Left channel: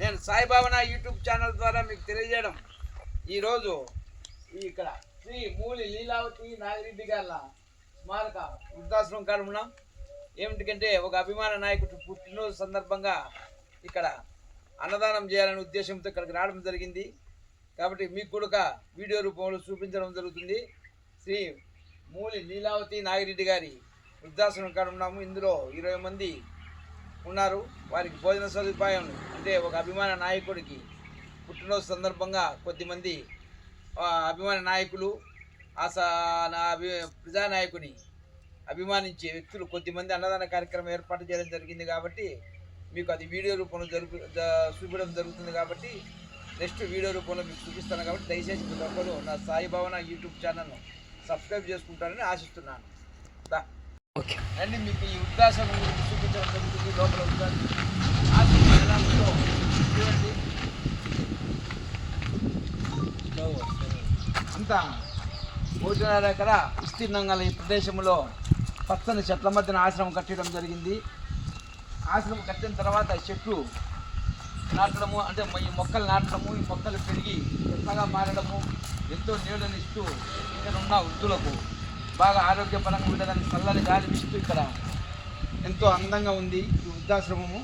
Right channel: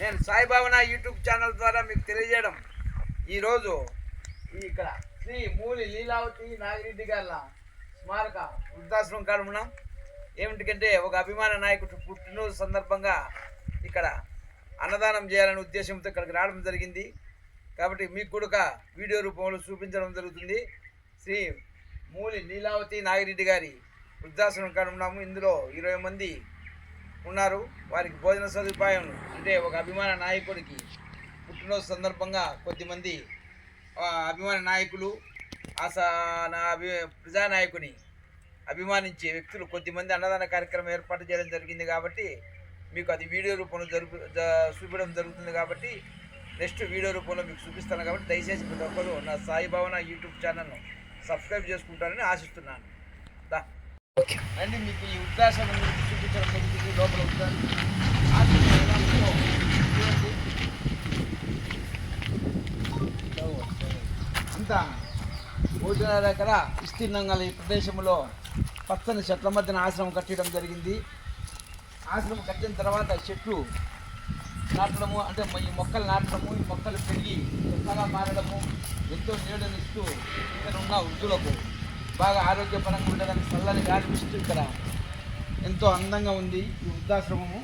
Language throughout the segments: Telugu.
నేను సాయిబాబా నా యూట్యూబ్ ఛానల్ ద్వారా మీకు తెలియజేయడం. ఈరోజు ఇక్కడ శ్రీ మూలి లీలావతి నాగిరెడ్డి గారి స్మారక వృద్ధాశ్రమం కాడ ఉన్నాం. ఏమిటికంటే ఒక అభిమాన నాయకుడు పుట్టినరోజు సందర్భంగా ఇక్కడ అన్నదానం చేయాలనే ఉద్దేశంతో ఇక్కడికి రావడం జరిగింది. కాబట్టి మీకు కూడా వీడియో రూపంలో చూపించడం జరుగుతుంది. శ్రీ మూలి లీలావతి నాగిరెడ్డి గారి వృద్ధాశ్రమం కాడ ఉన్నాము. ఇందులో ఇరవై మంది ఉన్నారు. వారికి భోజన సదుపాయం అంటే ఒక అభిమాన నాయకుడికి పుట్టినరోజు సందర్భంగా కొద్దిమంది అభిమాన నాయకులు ఆసా నా అభి ప్రజానాయకుని అభిమానించే వ్యక్తులు కొద్దిమంది అన్నదాన కార్యక్రమం ఏర్పాటు చేయడం జరిగింది కాబట్టి మీకు అది వీడియో రూపంలో జరుపు చూపించడం జరుగుతుంది కాబట్టి నెక్స్ట్ వీడియో రూపంలో మీకు చూపిస్తాను కాబట్టి దయచేసి ప్రతి ఒక్కరు నా సాయి భవన యూట్యూబ్ ఛానల్ను సబ్స్క్రైబ్ చేసుకుంటారని ఆశిస్తున్నాను. దా ఓకే. అండి మీకు ఈ వృద్ధాశ్రమం గురించి చూపించడం జరుగుతుంది. లోపల వృద్ధాశ్రమం ఆశ్రమం ఎలా ఉందో చూడండి అంతా మూడున్నర ఎకర విస్తీర్ణంగా ఈ ప్రదేశంలో పచ్చని చెట్ల మధ్యన ఆశ్రమం కట్టడం జరిగింది. ఆశ్రమం కట్టిన తర్వాత చెట్లు నాటడము అంటే ఈ మొక్కలు నాటడము ఈ మొక్కలు పెరిగి పెద్దగా మారడము ఎంతో నీడనిస్తూ ఇక్కడ ఉన్న వృద్ధులకు బాగా ఆరోగ్యపరంగా ఉండేదానికి చల్లని గాలి విస్తూ ఇక్కడ ఎంతో అందంగా ఉంది ఈ వృద్ధాశ్రమము.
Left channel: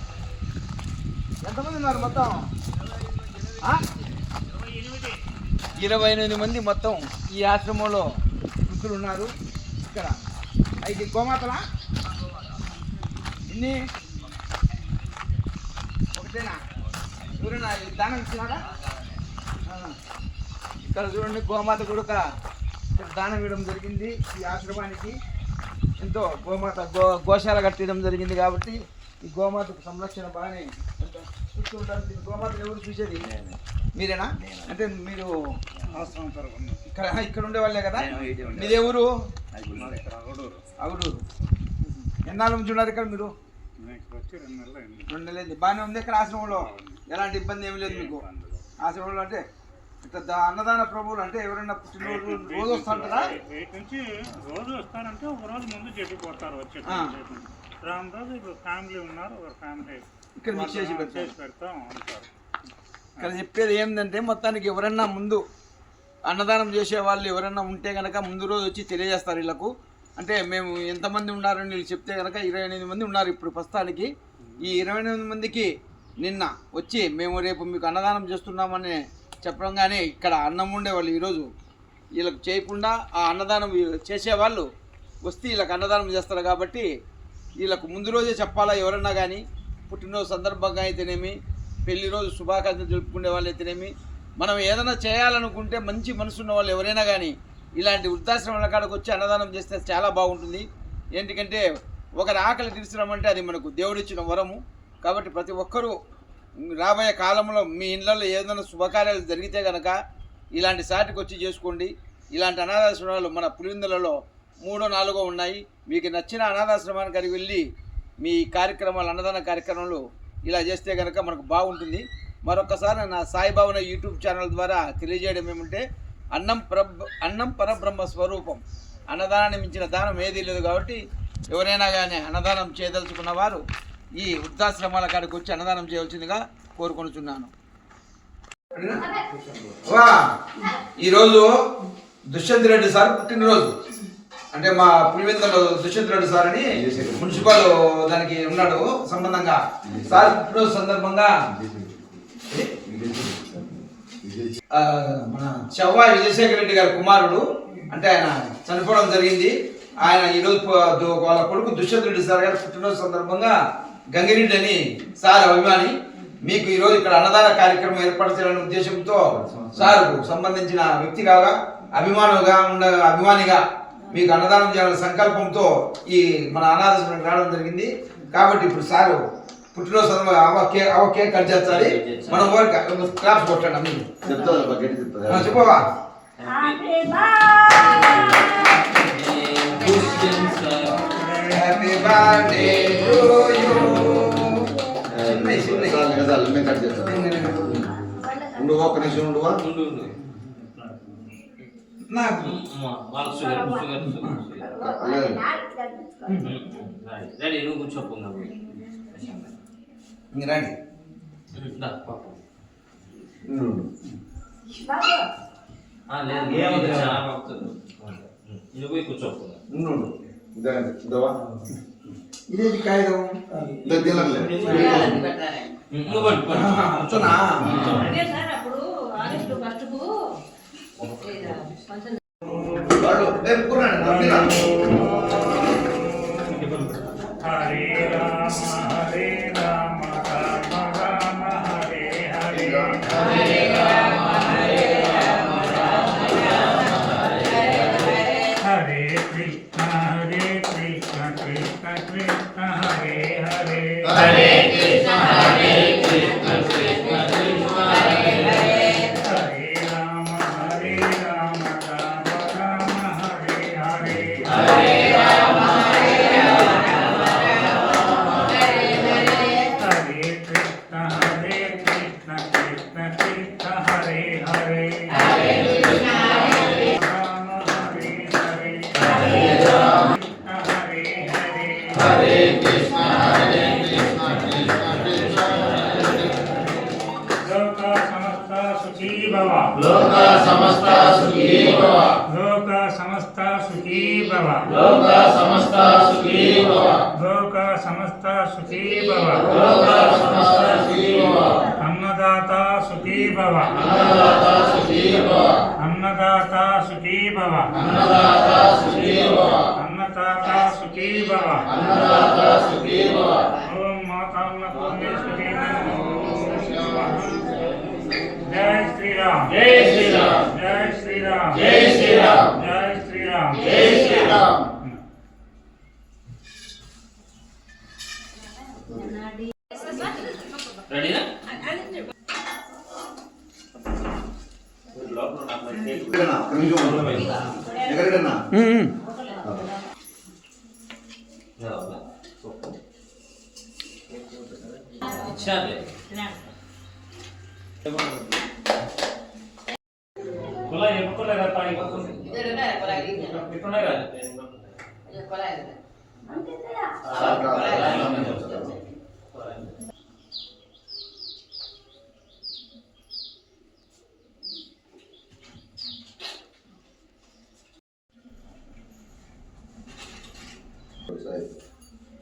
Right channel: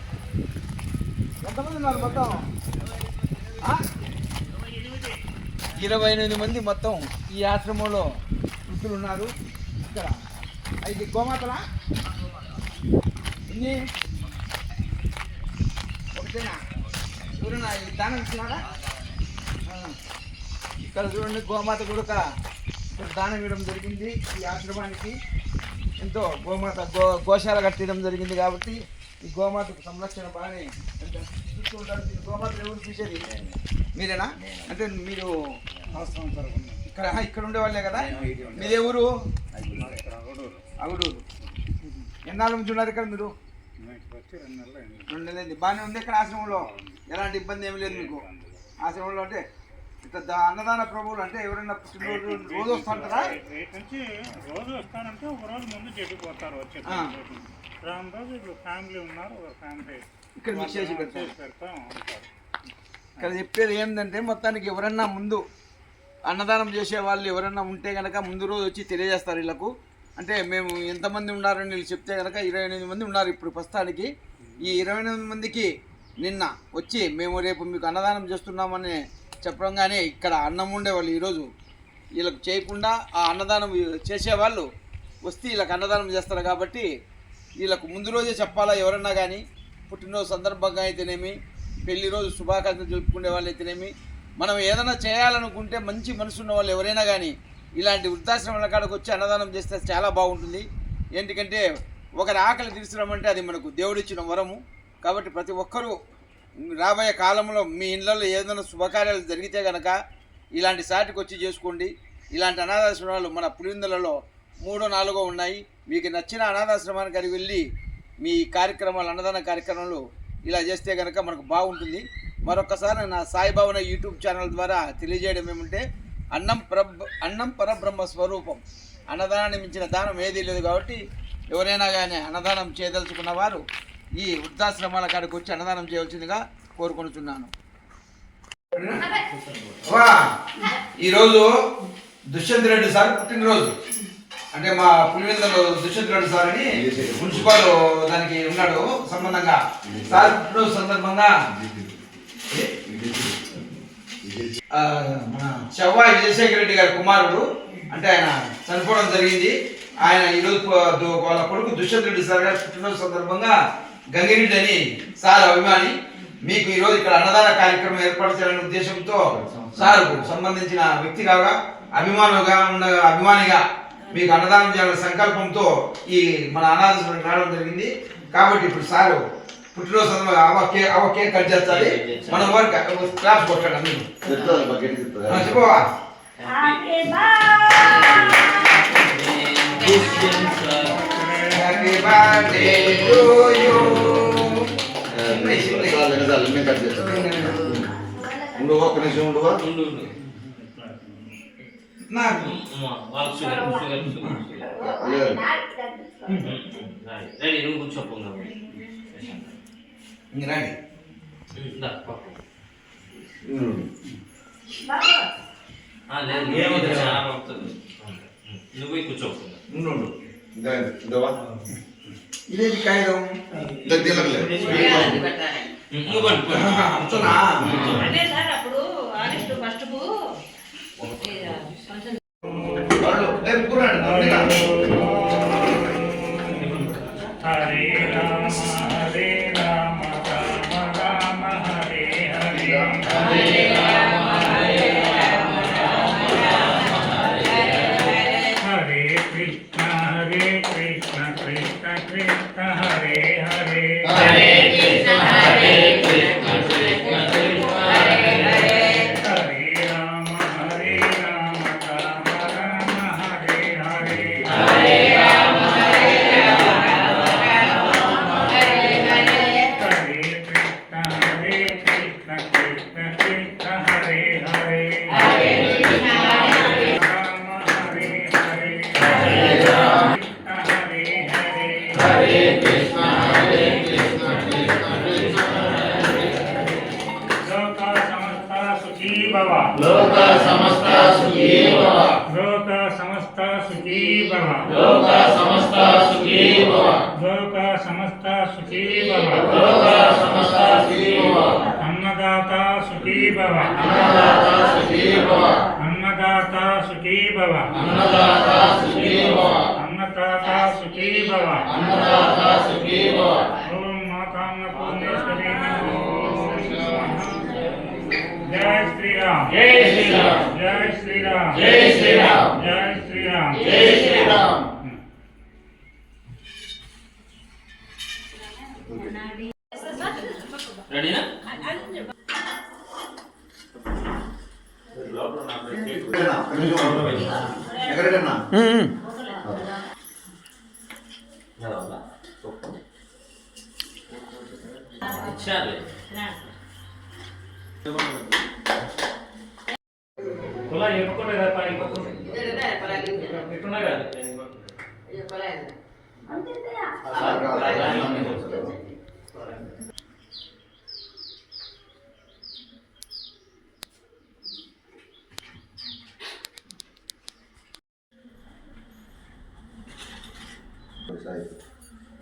ఎంతమంది ఉన్నారు మొత్తం? ఇరవై ఎనిమిది మంది మొత్తం ఈ ఆశ్రమంలో వృద్ధులు ఉన్నారు. ఇక్కడ ఐదు గోమాతలా? ఎన్ని? ఒకటేనా? చూడండి దానం ఇచ్చినారా ఇక్కడ చూడండి గోమాత కూడా దానం ఇవ్వడం జరిగింది ఈ ఆశ్రమానికి. ఎంతో గోమాత గో గోశాల కట్టడం జరిగింది కాబట్టి ఈ గోమాతకు సంరక్షణ బాగానే ఎంత చూస్తూ ఉంటారు దీని గోమాత ఎవరు చూసేది? మీరేనా? అంటే మీరు ఇక్కడ ఇక్కడ ఉండే వాళ్ళే కదా? మీదే ఊరు అవుడు ఎన్నాళ్ళ నుంచి ఉన్నారు ఇక్కడ మీరు? రెండు నెలలు బాగానే ఉంది ఇక్కడ ఆశ్రమంలో? ఎలాంటి ఇబ్బంది ఏమి లేదు మీకు? ఆశ్రమంలో అంటే ఇట్లా దా- అన్నదాన ప్రభువులు అంటే ఎవరైనా పుట్టినరోజు రోజు వస్తుంటారా రేపు నుంచి రోజు వస్తారంటే ఒక రోజు ముందు చెప్పిపోతారు వచ్చే. రామ్ రోజు ఇప్పుడు ఫ్యామిలీ ఉన్నారు ఒక ఫ్యామిలీ ఇక్కడ చేసి పెడతాం. అంటారు. ఇక్కడ చెప్పేది ఏంటంటే మొత్తానికి ఎవరన్నా ముందు అన్నదానం చేసే వాళ్ళు ఎవరన్నా ఉంటే కనుక ముందు రోజు వచ్చి తెలియజేస్తారు వీళ్ళకు. అంటే మేము ఎంతమంది ఉన్నారని వీళ్ళు చెప్తే కనుక ఇరవై ఎనిమిది మంది ఉన్నారు ఇప్పుడు ప్రస్తుతానికి. ఈ ఇరవై ఎనిమిది మందికి నిన్న వచ్చి మేము రేపు మీకు అన్నదానం చేస్తున్నామని చెప్పడంగానే ఇక్కడ అన్నం ఉండేవాళ్ళు ఈరోజు. వీళ్ళకి చేయకుండా ఆ అన్నదానం చేసేవాళ్ళు వస్తే వీళ్ళకి అన్నదానం చేస్తారు కాబట్టి వీళ్ళకు ముందు రోజే చెప్పాలా ఎవరన్నా కానీ పుట్టినరోజు సందర్భంగా అయితేనేమి పెళ్ళి రోజు శుభాకాంక్షలు జరుపుకునే వాళ్ళు అయితేనేమి మనం ఏదైనా చేయాలనుకుంటే మంచి మనసు ఉన్న వాళ్ళు ఎవరైనా కానీ ఇలాంటి వృద్ధాశ్రమాల కాడకు వచ్చి అన్నదానం చేస్తే చాలా బాగుంటుంది. ఎందుకంటే ఒకరి ఆకలి తీర్చడం అంటే అది మనకు దేవుడిచ్చిన వరము. కాబట్టి ప్రతి ఒక్కరూ రాబోయే కాలంలో మీ ఇళ్ళల్లో ఏదైనా శుభకార్యాలు జరిగితే కనుక ఇలాంటి సాటికి వచ్చి చేసుకోండి. ఇలాంటి అనాథాశ్రమాలు మన పులిందులలో మూడో నాలుగో ఉన్నాయి. మీకు నచ్చిన అనాథాశ్రమానికి అది వెళ్ళి మీ కార్యక్రమాలు అన్నదాన కార్యక్రమాలు ఇలా చేస్తే కనుక మనకు బాగుంటుంది. మరొకసారి నా సాయిబాబున యూట్యూబ్ ఛానల్ ద్వారా తెలియజేయడం ఏమంటే అన్నం పరబ్ అన్నం పరబ్రహ్మ స్వరూపం. అన్నదానాన్ని మించిన దానం ఏదీ లేదు కాబట్టి ఎవరైనా కానీ అన్నదానం చేయదలుచుకున్న వారు ఈ వృద్ధాశ్రమాల కాడికి వచ్చి అన్నదానం చేయవలసిందిగా కోరుకొనుచున్నాను. ఈరోజు దుష్యంత్ రెడ్డి సార్ పుట్టినరోజు. అంటే మా పులివెందులు దుష్యంత్ రెడ్డి సార్ అని మున్సిపల్ దానికి ఉన్నాడు సంబంధంగా. సార్ పుట్టినరోజు సందర్భంగా మన చెవ్వాయి విజయశేఖర రెడ్డి గారి కుమారుడు అంటే ఆయన చనిపోవడం జరిగింది. ఆయన ఈరోజు వాళ్ళ కొడుకు దుష్యంత్ రెడ్డి సార్ గారి పుట్టినరోజు సందర్భంగా గంగిరెడ్డి అని సార్ అభిమాని మీకు ఈరోజు ఇక్కడ అన్నదాన కార్యక్రమం ఏర్పాటు చేయాలనే ఉద్దేశంతో సార్కు సంబంధించిన వ్యక్తిగా అభిమానుగా ఉన్న అభిమానిగా మీకు అన్నదానం చేయాలనే సంకల్పంతో ఈ మన అనాథ రావడం జరిగింది. కాబట్టి ఇప్పుడు సారు పుట్టినరోజు సందర్భంగా అవ కేక్ కట్ చేస్తుంది. మనం వరకు క్లాప్స్ కొట్టండి అందరూ చెప్పవా? Happy birthday. Happy birthday to you చిన్నవి, చిన్నవి. చాలు నేను కట్ చేస్తాను ఉండు ఒక్క నిమిషం ఉండువా నాకు షుగర్ లేదు రెడీ నువ్వు కూర్చోపోగా రండి. ఉండు. నువ్వు కూర్చోకుండా ఉండు, ఉండు. ఇదా, కాగితం ఇదా అదే సార్ అప్పుడు ఆగస్టు ఫస్ట్కు లోక సమస్త సుఖీ భవ. లోక సమస్త సుఖీ భవ. లోక సమస్త సుఖీ భవ. అన్నదాత సుఖీ భవ. అన్నదాత సుఖీ భవ. అన్నదాత సుఖీ భవ. అన్నదాత సుఖీ భవ. అన్నదాత సుఖీ భవ. అన్నదాత సుఖీ భవ. ఓం మాతాన్న పూర్ణేశ్వరీ జై శ్రీరామ్. జై శ్రీరామ్. జై శ్రీరామ్. జై శ్రీరామ్ జై శ్రీరామ్ జై శ్రీరామ్ రెడీనా ఎక్కడన్నా? ఎక్కడన్నా? ఇచ్చారులే కులా ఎప్పుకున్నా కదా పని ఎట్టున్నా కదా సార్ కాదు.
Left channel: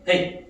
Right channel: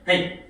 はい。